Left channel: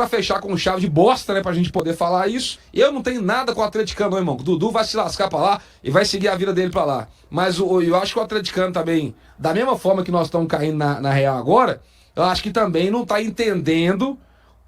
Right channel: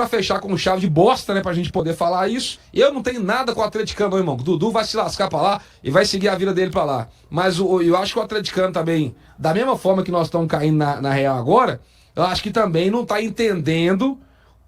pra fechar com chave de bosta, né? Pra gente poder falar isso. Eu não tenho nada com o atleticano, não, irmão. O Dudu vai se lascar pra lá e vai seguir a vida dele pra lá. Mas eu acho que o atleticano também, da mesma forma que nós estamos caindo na real agora, eu acho que também não tá entendendo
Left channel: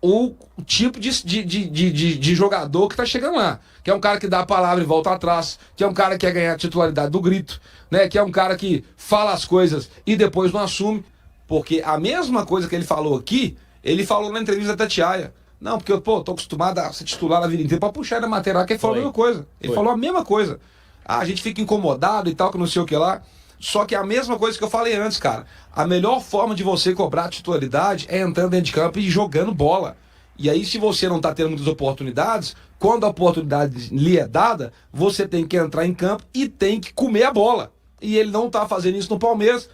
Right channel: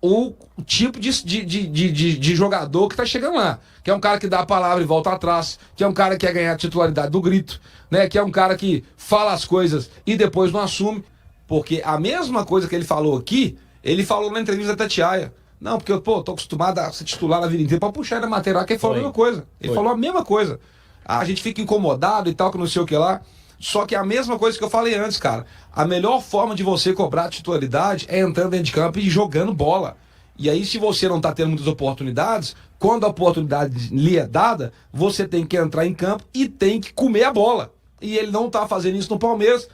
o tipo de jogador que tá chegando lá. Que é um cara que dá a palavra e volta atrás, que é um cara que quer ganhar a titularidade do grito, né? Que é um cara que fala as coisas e depois não assume. Porque a mesma coisa que ele falou aqui, ele falou na entrevista da Tatiaia. Não, porque eu, tô acostumado a ser titular na vida inteira pra puxar da matéria, que ele falou a mesma coisa. Ele falou a mesma coisa. A gente fica incomodado e tal, que não sei o que lá. Só que é a mesma coisa que eu falei antes, cara. A melhor forma de você cobrar a titularidade é entrando dentro de campo e jogando bola. E aí, se você não tá tendo muitas oportunidades, quando a oportunidade lhe é dada, você tem que entrar em campo e tem que comer a bola. E ele não tá fazendo isso no Palmeiras,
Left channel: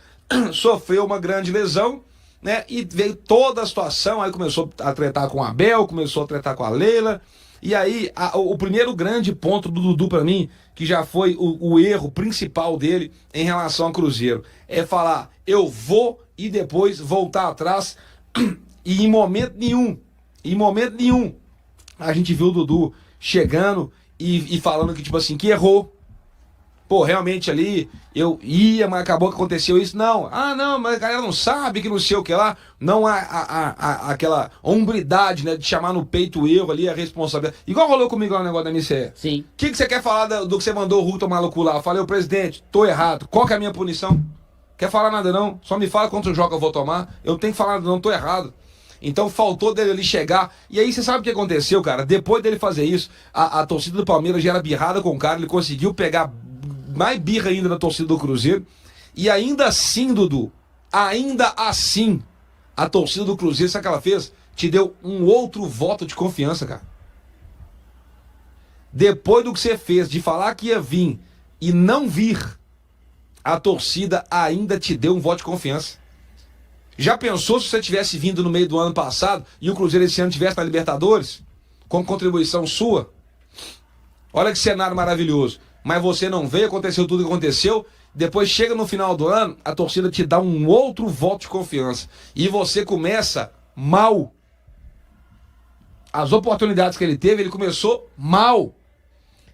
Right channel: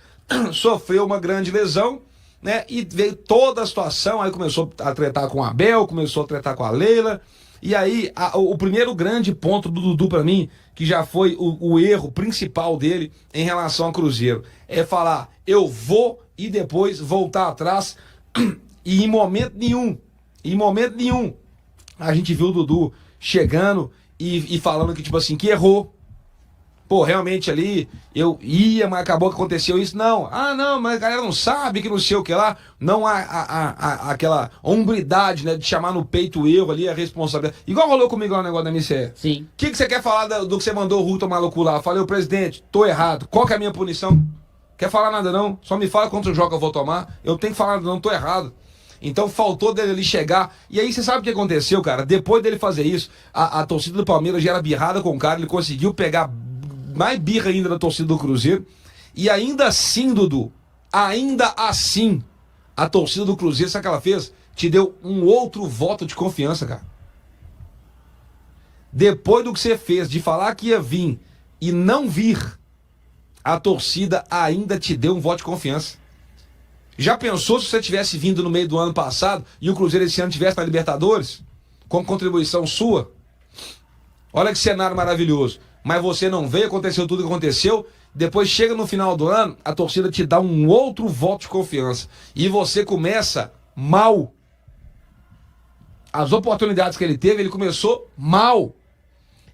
sofreu uma grande lesão, né? E veio toda a situação, aí começou a tretar com o Abel, começou a tretar com a Leila. E aí, o primeiro grande ponto do Dudu pra mim, que já foi o erro principal dele em relação ao Cruzeiro, é falar, eu vou e depois voltar atrás. E em momento nenhum, a gente viu o Dudu chegando e falando que, tipo assim, que errou. Pô, realmente ali, eu ia, mas acabou que aconteceu isso. Não, não, mas a galera não sabe que não sei o que lá. Não há aquela hombridade, né, de chamar no peito o erro ali, a responsabilidade. Igual rolou comigo lá no negócio da MCE. Sim. O que você quer falar do que você mandou o Hulk tomar louco lá? Eu falei, presidente, tô errado. Qual que é a minha punição? Quer falar nada não? Só me fala quantos jogos eu vou tomar. Eu tenho que falar nada não, tô errado. Então faltou dele ali chegar. E aí você sabe o que aconteceu, cara? Depois dele fazer isso, a torcida do Palmeiras já era birrada com o cara. Ele conseguiu pegar mais birra ainda da torcida do Cruzeiro. E ainda assim, Dudu, ainda assim, a torcida do Cruzeiro, sabe o que ela fez? Te deu um outro voto de confiança, cara. Depois do que você fez, de falar que ia vir e não vir, a torcida ainda te deu um voto de confiança. Já pensou se você tivesse vindo no meio do ano passado e o Cruzeiro esse ano tivesse na Libertadores? Com contribuição sua? Olha que cenário maravilhoso. Mas você não veio, aconteceu tudo o que aconteceu. Depois chega no final do ano, a torcida te dá um outro voto de confiança. E você começa mal. As oportunidades que ele teve, ele começou mal.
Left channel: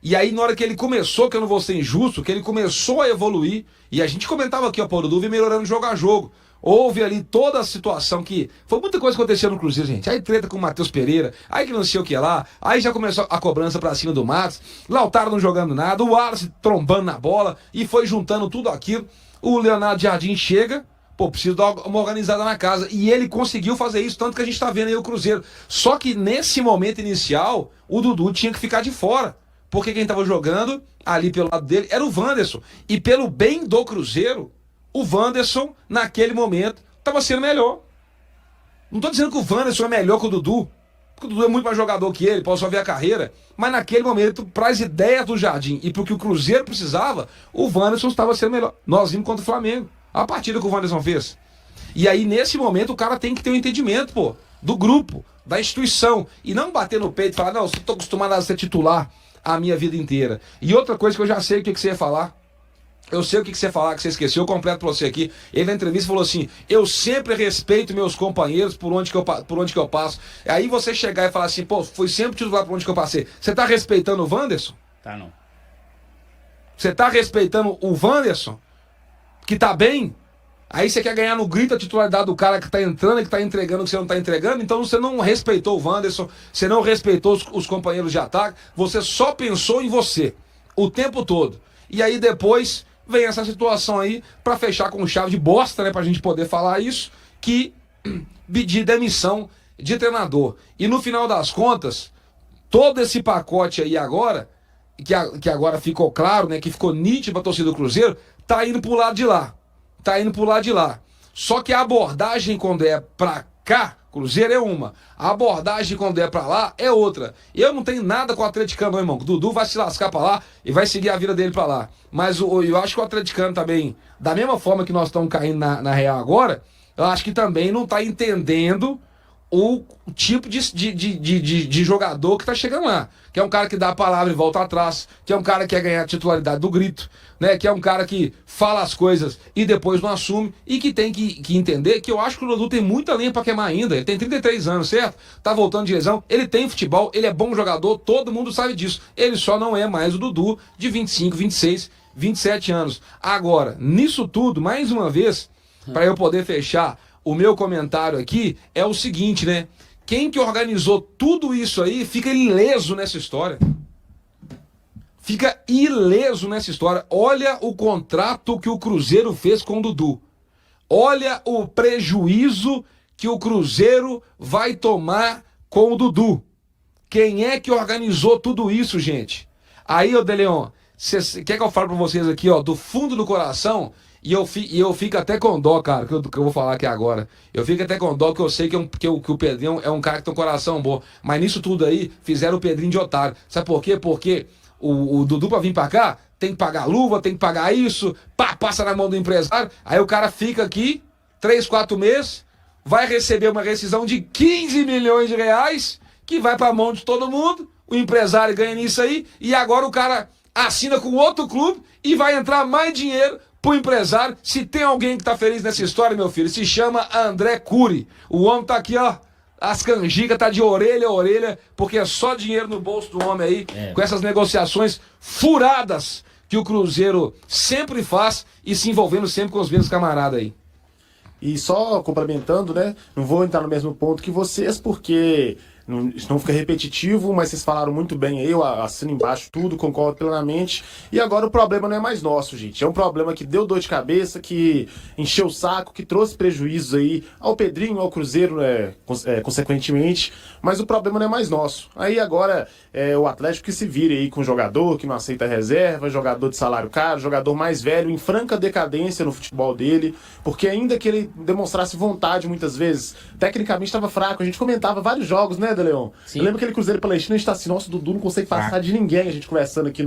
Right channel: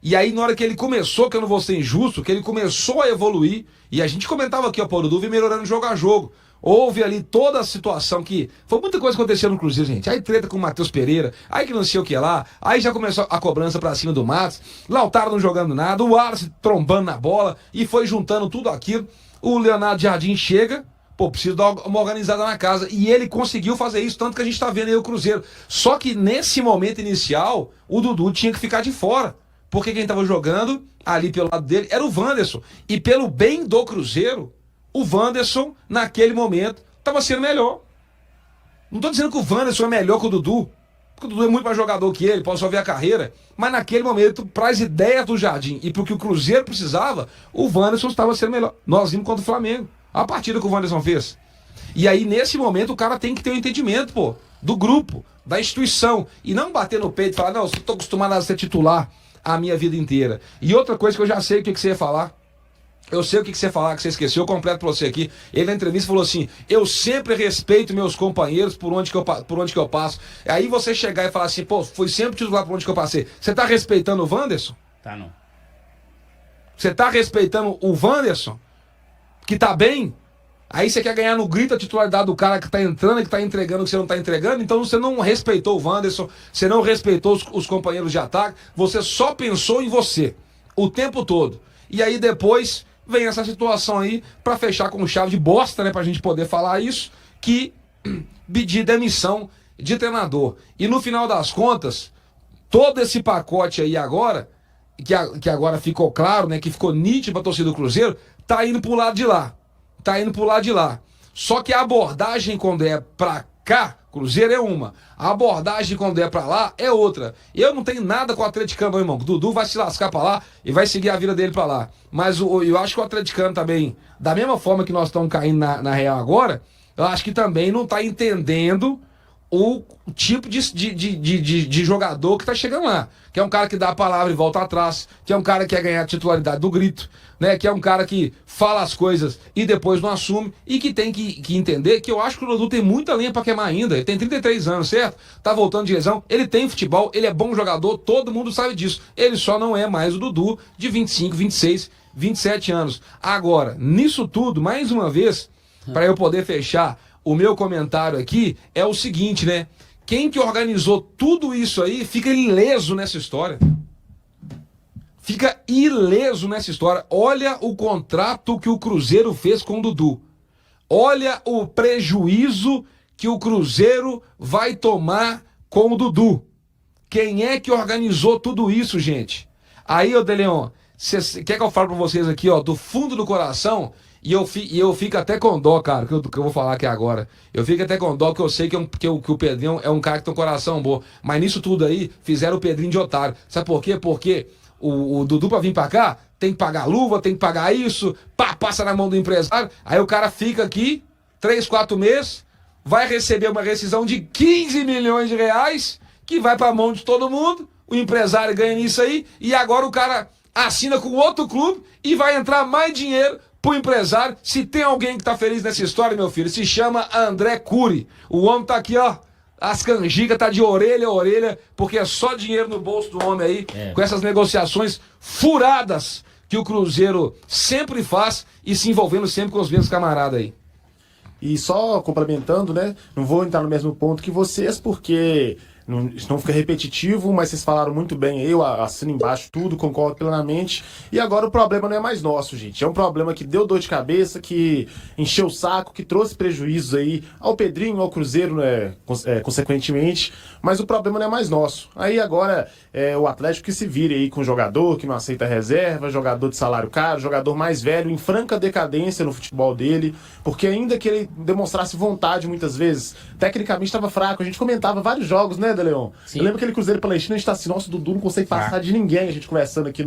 E aí, na hora que ele começou, que eu não vou ser injusto, que ele começou a evoluir, e a gente comentava aqui, ó, Paulo Dudu, melhorando jogo a jogo. Houve ali toda a situação que... Foi muita coisa que aconteceu no Cruzeiro, gente. Aí treta com o Matheus Pereira, aí que não sei o que lá, aí já começou a cobrança pra cima do Matos, Lautaro não jogando nada, o Wallace trombando na bola, e foi juntando tudo aquilo. O Leonardo Jardim chega, pô, preciso dar uma organizada na casa. E ele conseguiu fazer isso, tanto que a gente tá vendo aí o Cruzeiro. Só que nesse momento inicial, o Dudu tinha que ficar de fora. Porque quem tava jogando ali pelo lado dele era o Wanderson. E pelo bem do Cruzeiro, o Wanderson, naquele momento, estava sendo melhor. Não estou dizendo que o Wanderson é melhor que o Dudu, porque o Dudu é muito mais jogador que ele, pode só ver a carreira, mas naquele momento, para as ideias do Jardim e para o que o Cruzeiro precisava, o Wanderson estava sendo melhor. Nós vimos contra o Flamengo, a partida que o Wanderson fez. E aí, nesse momento, o cara tem que ter um entendimento, pô, do grupo, da instituição, e não bater no peito e falar, não, eu estou acostumado a ser titular a minha vida inteira. E outra coisa que eu já sei o que você ia falar, eu sei o que você ia falar, que você esqueceu, eu completo pra você aqui. Ele na entrevista falou assim, eu sempre respeito meus companheiros por onde que eu passo. Aí você chegar e falar assim, pô, fui sempre titular por onde que eu passei. Você tá respeitando o Wanderson? Tá, não. Você tá respeitando o Wanderson? Que tá bem? Aí você quer ganhar no grito a titularidade do cara que tá entrando e que tá entregando o que você não tá entregando? Então você não respeitou o Wanderson, você não respeitou os companheiros de ataque, você só pensou em você o tempo todo. E aí depois vem essa situação aí pra fechar com chave de bosta, né? Pra gente poder falar isso, que pedir demissão de treinador. E no final das contas, todo esse pacote aí agora, que agora ficou claro, né? Que ficou nítido pra torcida do Cruzeiro, tá indo pro lado de lá. Tá indo pro lado de lá. Só que a abordagem quando é pra cá, Cruzeiro é uma. A abordagem quando é pra lá é outra. Eu não tenho nada com o atleticano, não, irmão. O Dudu vai se lascar pra lá e vai seguir a vida dele pra lá. Mas eu acho que o atleticano também, da mesma forma que nós estamos caindo na real agora, eu acho que também não tá entendendo o tipo de jogador que tá chegando lá. Que é um cara que dá a palavra e volta atrás, que é um cara que quer ganhar a titularidade do grito, né? Que é um cara que fala as coisas e depois não assume, e que tem que entender que eu acho que o Dudu tem muita lenha pra queimar ainda. Ele tem 33 anos, certo? Tá voltando de lesão, ele tem futebol, ele é bom jogador, todo mundo sabe disso. Ele só não é mais o Dudu de 25, 26, 27 anos. Agora, nisso tudo, mais uma vez, para eu poder fechar o meu comentário aqui, é o seguinte, né? Quem que organizou tudo isso aí fica ileso nessa história. Fica ileso nessa história. Olha o contrato que o Cruzeiro fez com o Dudu. Olha o prejuízo que o Cruzeiro vai tomar com o Dudu. Quem é que organizou tudo isso, gente? Aí, ô Deleon, quer que eu fale pra vocês aqui, ó, do fundo do coração? E eu fico até com dó, cara, que eu vou falar aqui agora. Eu fico até com dó, que eu sei que o Pedrinho é um cara que tem um coração bom. Mas nisso tudo aí, fizeram o Pedrinho de otário. Sabe por quê? Porque o Dudu, pra vir pra cá, tem que pagar luva, tem que pagar isso, passa na mão do empresário. Aí o cara fica aqui, 3, 4 meses, vai receber uma rescisão de 15 milhões de reais, que vai pra mão de todo mundo, o empresário ganha nisso aí, e agora o cara assina com outro clube e vai entrar mais dinheiro pro empresário. Se tem alguém que tá feliz nessa história, meu filho, se chama André Cury. O homem tá aqui, ó, as canjicas tá de orelha a orelha, porque é só dinheiro no bolso do homem aí, com essas negociações furadas que o Cruzeiro sempre faz e se envolvendo sempre com os mesmos camaradas aí. E só complementando, né, não vou entrar no mesmo ponto que vocês, porque não fica repetitivo, mas vocês falaram muito bem aí, eu assino embaixo tudo, concordo plenamente. E agora o problema não é mais nosso, gente. É um problema que deu dor de cabeça, que encheu o saco, que trouxe prejuízos aí ao Pedrinho, ao Cruzeiro, né, consequentemente. Mas o problema não é mais nosso. Aí agora é o Atlético que se vire aí com jogador que não aceita reserva, jogador de salário caro, jogador mais velho, em franca decadência no futebol dele, porque ainda que ele demonstrasse vontade muitas vezes, tecnicamente estava fraco. A gente comentava vários jogos, né, Leon? Eu lembro aquele Cruzeiro Palestino, a gente tá assim, nossa, o Dudu não consegue passar de ninguém, a gente conversando aqui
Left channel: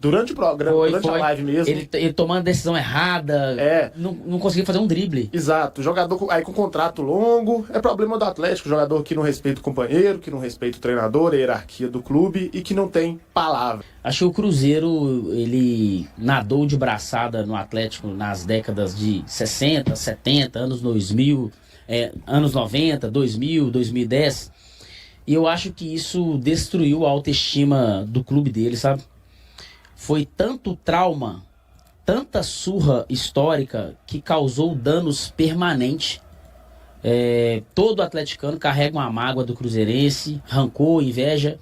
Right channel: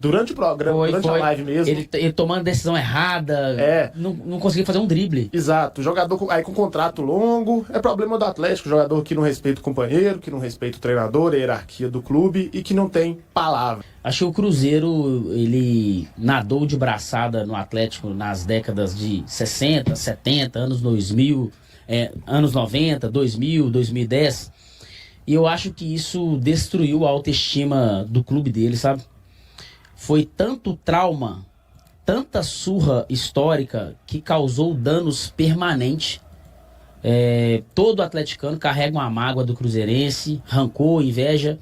durante o programa, durante a live mesmo. Ele tomando decisão errada, não conseguia fazer um drible. Exato, jogador aí com contrato longo, é problema do Atlético, jogador que não respeita o companheiro, que não respeita o treinador, a hierarquia do clube e que não tem palavra. Acho que o Cruzeiro, ele nadou de braçada no Atlético nas décadas de 60, 70, anos 2000, anos 90, 2000, 2010. E eu acho que isso destruiu a autoestima do clube dele, sabe? Foi tanto trauma, tanta surra histórica que causou danos permanentes. Todo atleticano carrega uma mágoa do cruzeirense, rancor, inveja.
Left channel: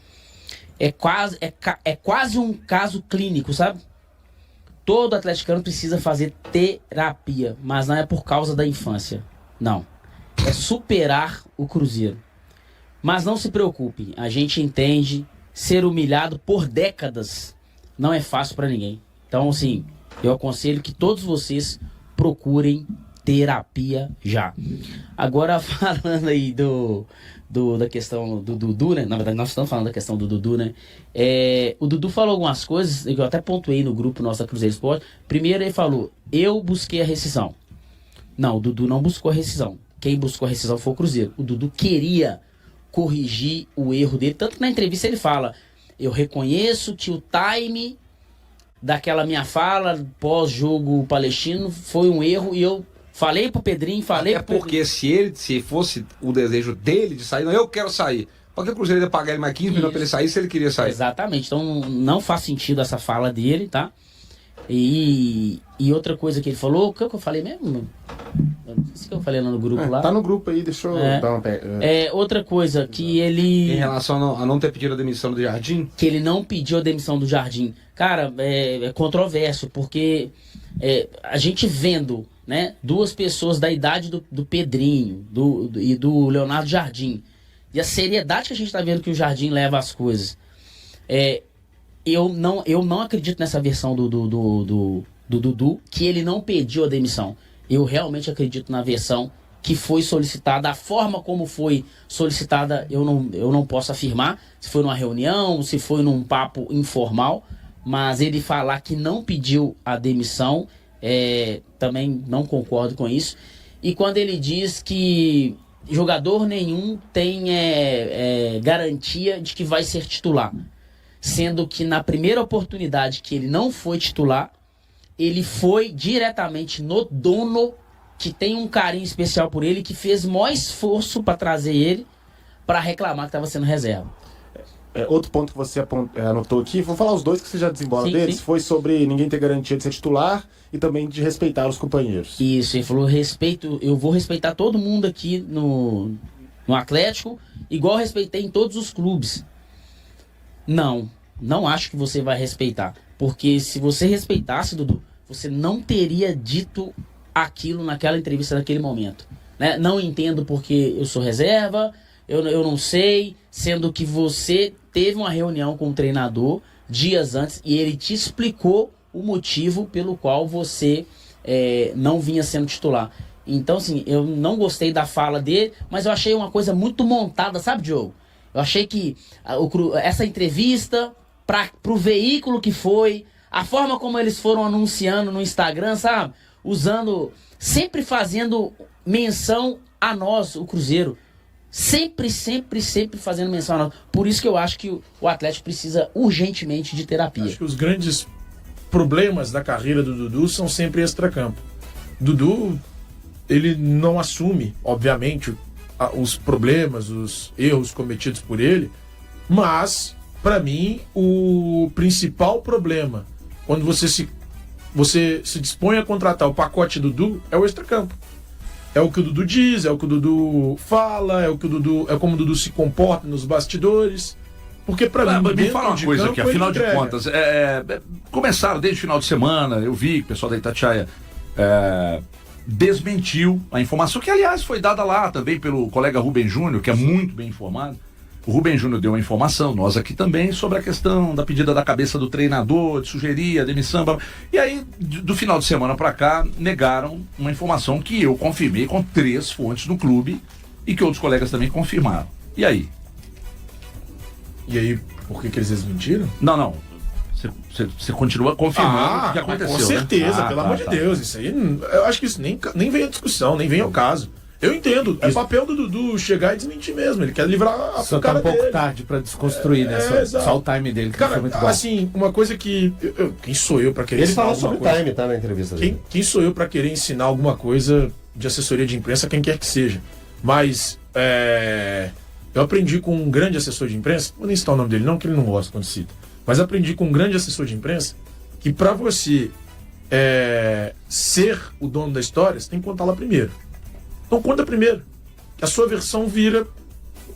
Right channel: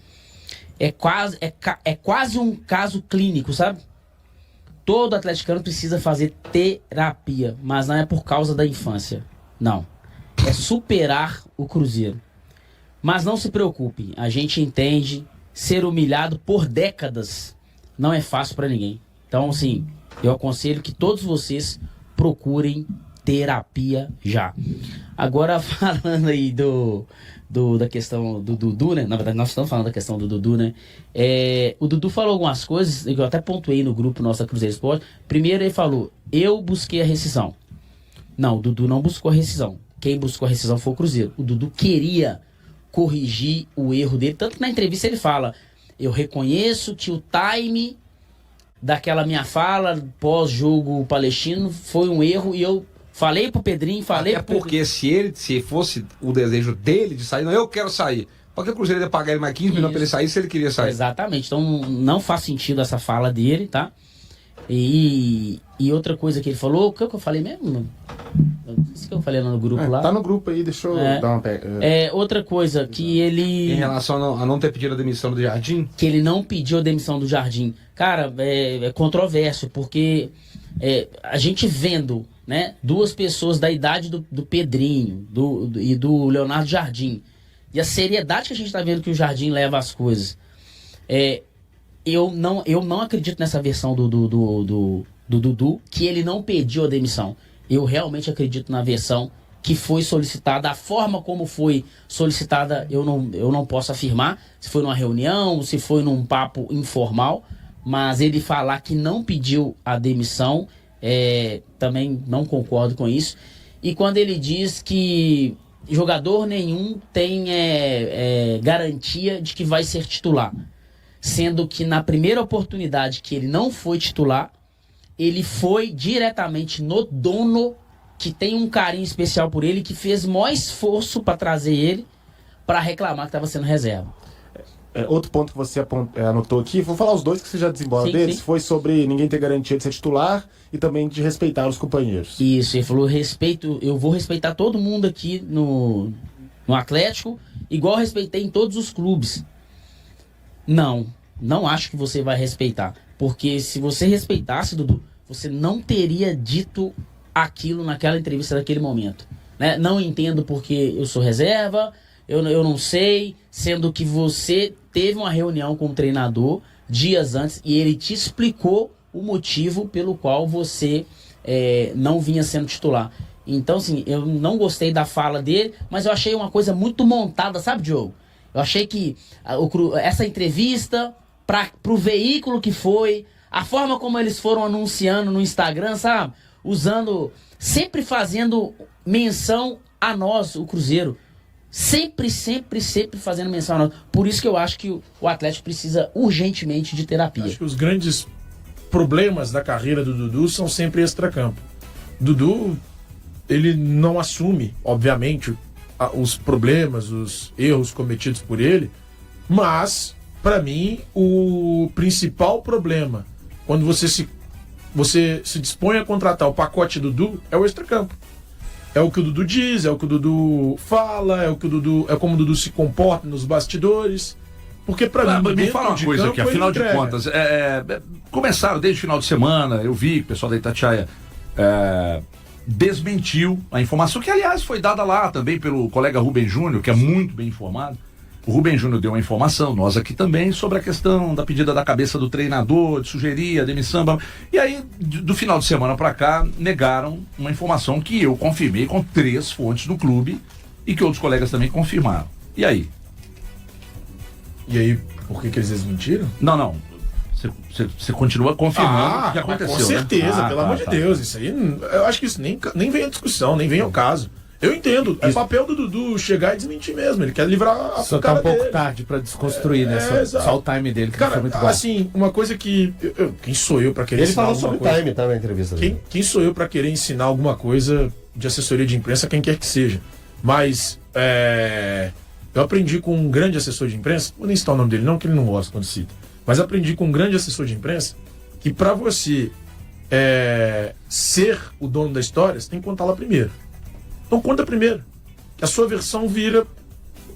É quase um caso clínico, sabe? Todo atleticano precisa fazer terapia, mas não é por causa da infância. Não. É superar o Cruzeiro. Mas não se preocupe, a gente entende, ser humilhado por décadas não é fácil para ninguém. Então, assim, eu aconselho que todos vocês procurem terapia já. Agora, falando aí da questão do Dudu, né? Na verdade, nós estamos falando da questão do Dudu, né? O Dudu falou algumas coisas, eu até pontuei no grupo nosso da Cruzeiro Esporte. Primeiro ele falou, eu busquei a rescisão. Não, o Dudu não buscou a rescisão. Quem buscou a rescisão foi o Cruzeiro. O Dudu queria corrigir o erro dele, tanto que na entrevista ele fala, eu reconheço que o time daquela minha fala pós-jogo palestino foi um erro e eu falei pro Pedrinho, porque se fosse o desejo dele de sair, não, eu quero sair. Porque o Cruzeiro ia pagar ele mais 15 milhões pra ele sair se ele queria sair. Exatamente, então não faz sentido essa fala dele, tá? E outra coisa que ele falou, o que eu falei mesmo? Isso que eu falei lá no grupo lá. Tá no grupo aí, deixa eu dar uma outra coisa que ele... Em relação a não ter pedido a demissão do Jardim? Que ele não pediu a demissão do Jardim. Cara, é controverso, porque a gente vendo, né, duas pessoas da idade do Pedrinho e do Leonardo Jardim, e a seriedade que a gente tá vendo que o Jardim leva as coisas, eu não acredito nessa versão do Dudu, que ele não pediu a demissão. Eu realmente acredito na versão que foi solicitada. A forma como foi solicitada, eu não posso afirmar. Se foi numa reunião, se foi num papo informal. Mas ele falar que não pediu a demissão, também não concordo com isso. E quando ele diz que jogador nenhum tem garantia de que vai ser titular. Sendo que na primeira oportunidade que ele não foi titular, ele foi diretamente no dono, que tem um carinho especial por ele, que fez o maior esforço para trazer ele para reclamar que estava sendo reserva. Outro ponto que você anotou aqui, vou falar os dois que você já desembola deles, sim. foi sobre ninguém ter garantia de ser titular e também de respeitar os companheiros. Isso, ele falou, eu vou respeitar todo mundo aqui no Atlético, igual eu respeitei em todos os clubes. Não acho que você vai respeitar. Porque se você respeitasse, Dudu, você não teria dito aquilo naquela entrevista naquele momento. Né? Não entendo porque eu sou reserva, eu não sei, sendo que você teve uma reunião com o treinador dias antes e ele te explicou o motivo pelo qual você não vinha sendo titular. Então, assim, eu não gostei da fala dele, mas eu achei uma coisa muito montada, sabe, Diogo? Eu achei que essa entrevista, pro veículo que foi, a forma como eles foram anunciando no Instagram, sabe? Sempre fazendo menção a nós, o Cruzeiro. Sempre fazendo menção a nós. Por isso que eu acho que o Atlético precisa urgentemente de terapia. Acho que os grandes problemas da carreira do Dudu são sempre extracampo. Dudu, ele não assume, obviamente, os problemas, os erros cometidos por ele, mas, para mim, o principal problema, quando você se dispõe a contratar o pacote Dudu, é o extracampo. É o que o Dudu diz, é o que o Dudu fala, é como o Dudu se comporta nos bastidores. Porque pra mim, me fala uma coisa aqui, afinal de contas, começaram desde o final de semana, eu vi que o pessoal da Itatiaia desmentiu a informação, que aliás foi dada lá também pelo colega Rubem Júnior, que é muito bem informado. O Rubem Júnior deu uma informação, nós aqui também, sobre a questão da pedida da cabeça do treinador, de sugerir a demissão. E aí, do final de semana pra cá, negaram uma informação que eu confirmei com 3 fontes no clube e que outros colegas também confirmaram. E aí? E aí, por que eles desmentiram? Não. Você continua confirmando o que aconteceu. Com certeza, né? pelo amor de Deus. Isso aí, eu acho que isso nem vem à discussão, nem vem ao caso. Eu entendo, é papel do Dudu chegar e desmentir mesmo. Ele quer livrar a só cara tá um pouco dele. tarde pra desconstruir, né? Só o time dele, que cara, foi muito bom. assim, uma coisa que... quem sou eu pra querer Ele ensinar falou alguma sobre coisa? time, tá, na entrevista dele. Quem sou eu pra querer ensinar alguma coisa de assessoria de imprensa, quem quer que seja? Mas, eu aprendi com um grande assessor de imprensa, vou nem citar o nome dele não, que ele não gosta quando cita, mas aprendi com um grande assessor de imprensa que pra você ser o dono da história, você tem que contá-la primeiro. Então conta primeiro, que a sua versão vira,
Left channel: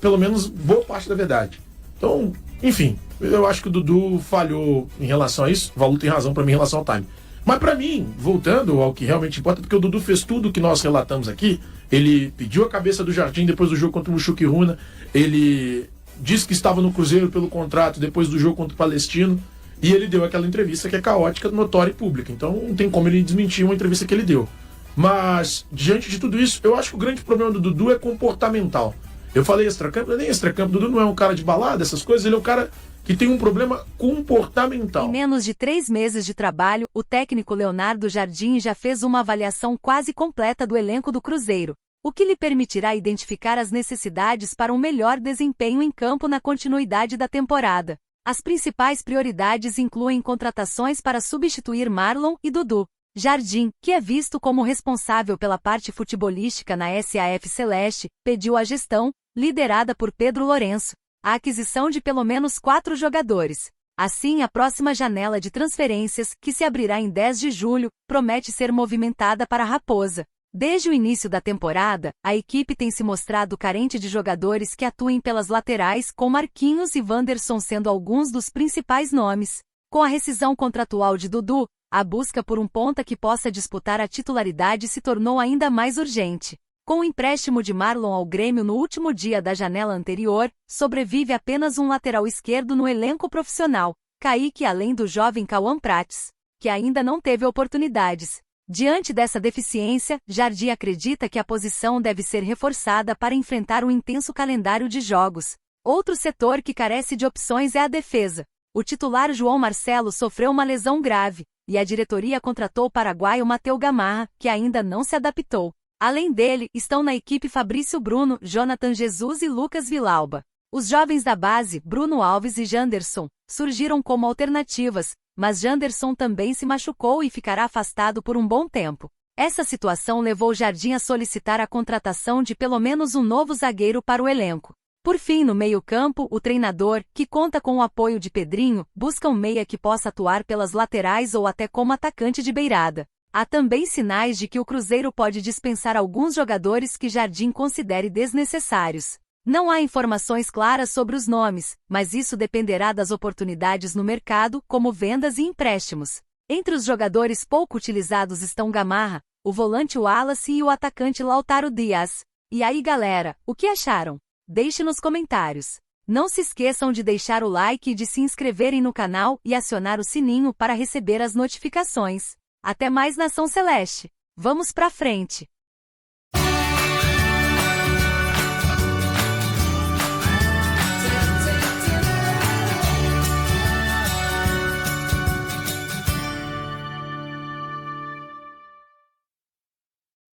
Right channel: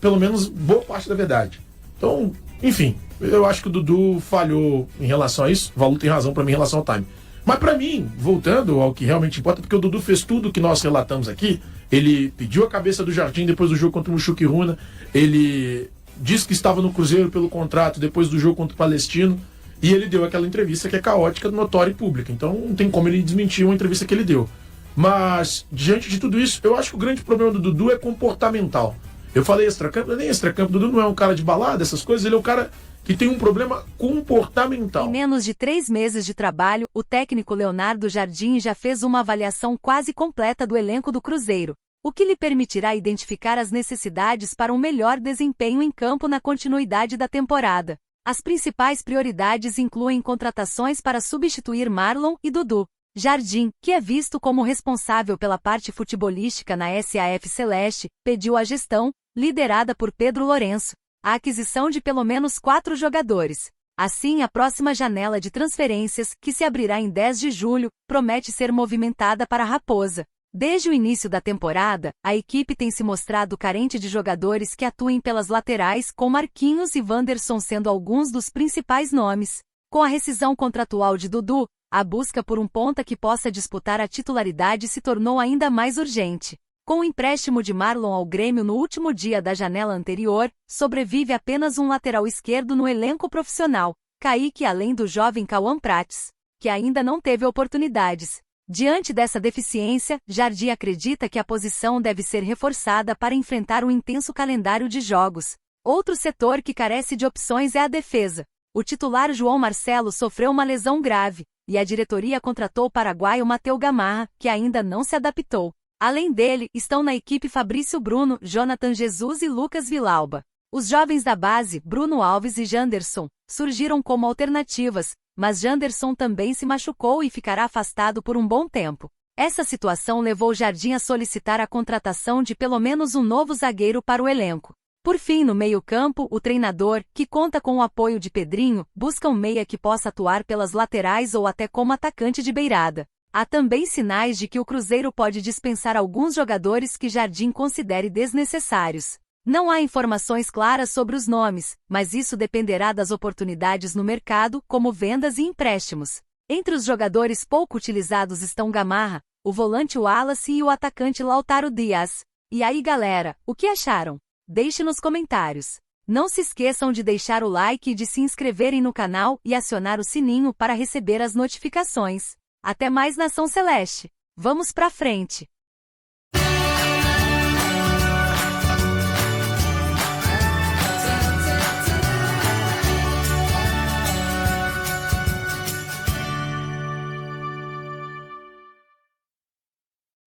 pelo menos, boa parte da verdade. Então, enfim, eu acho que o Dudu falhou em relação a isso. O Valu tem razão pra mim em relação ao time. Mas pra mim, voltando ao que realmente importa, porque o Dudu fez tudo o que nós relatamos aqui. Ele pediu a cabeça do Jardim depois do jogo contra o Mushuc Runa. Ele disse que estava no Cruzeiro pelo contrato depois do jogo contra o Palestino. E ele deu aquela entrevista que é caótica, notória e pública. Então não tem como ele desmentir uma entrevista que ele deu. Mas, diante de tudo isso, eu acho que o grande problema do Dudu é comportamental. Eu falei extracampo, não é nem extracampo. O Dudu não é um cara de balada, essas coisas. Ele é um cara que tem um problema comportamental. Em menos de 3 meses de trabalho, o técnico Leonardo Jardim já fez uma avaliação quase completa do elenco do Cruzeiro, o que lhe permitirá identificar as necessidades para um melhor desempenho em campo na continuidade da temporada. As principais prioridades incluem contratações para substituir Marlon e Dudu. Jardim, que é visto como responsável pela parte futebolística na SAF Celeste, pediu à gestão, liderada por Pedro Lourenço, a aquisição de pelo menos 4 jogadores. Assim, a próxima janela de transferências, que se abrirá em 10 de julho, promete ser movimentada para a Raposa. Desde o início da temporada, a equipe tem se mostrado carente de jogadores que atuem pelas laterais, com Marquinhos e Wanderson sendo alguns dos principais nomes. Com a rescisão contratual de Dudu, a busca por um ponta que possa disputar a titularidade se tornou ainda mais urgente. Com o empréstimo de Marlon ao Grêmio no último dia da janela anterior, sobrevive apenas um lateral esquerdo no elenco profissional, Kaique, além do jovem Cauã Prates, que ainda não teve oportunidades. Diante dessa deficiência, Jardim acredita que a posição deve ser reforçada para enfrentar um intenso calendário de jogos. Outro setor que carece de opções é a defesa. O titular João Marcelo sofreu uma lesão grave, e a diretoria contratou o paraguaio Mateu Gamarra, que ainda não se adaptou. Além dele, estão na equipe Fabrício Bruno, Jonathan Jesus e Lucas Vilauba. Os jovens da base, Bruno Alves e Janderson, surgiram como alternativas, mas Janderson também se machucou e ficará afastado por um bom tempo. Essa situação levou Jardim a solicitar a contratação de pelo menos um novo zagueiro para o elenco. Por fim, no meio-campo, o treinador, que conta com o apoio de Pedrinho, busca um meia que possa atuar pelas laterais ou até como atacante de beirada. Há também sinais de que o Cruzeiro pode dispensar alguns jogadores que Jardim considere desnecessários. Não há informações claras sobre os nomes, mas isso dependerá das oportunidades no mercado, como vendas e empréstimos. Entre os jogadores pouco utilizados estão Gamarra, o volante Wallace e o atacante Lautaro Dias. E aí, galera, o que acharam? Deixe nos comentários. Não se esqueçam de deixar o like e de se inscreverem no canal e acionar o sininho para receber as notificações. Até mais, Nação Celeste! Vamos pra frente!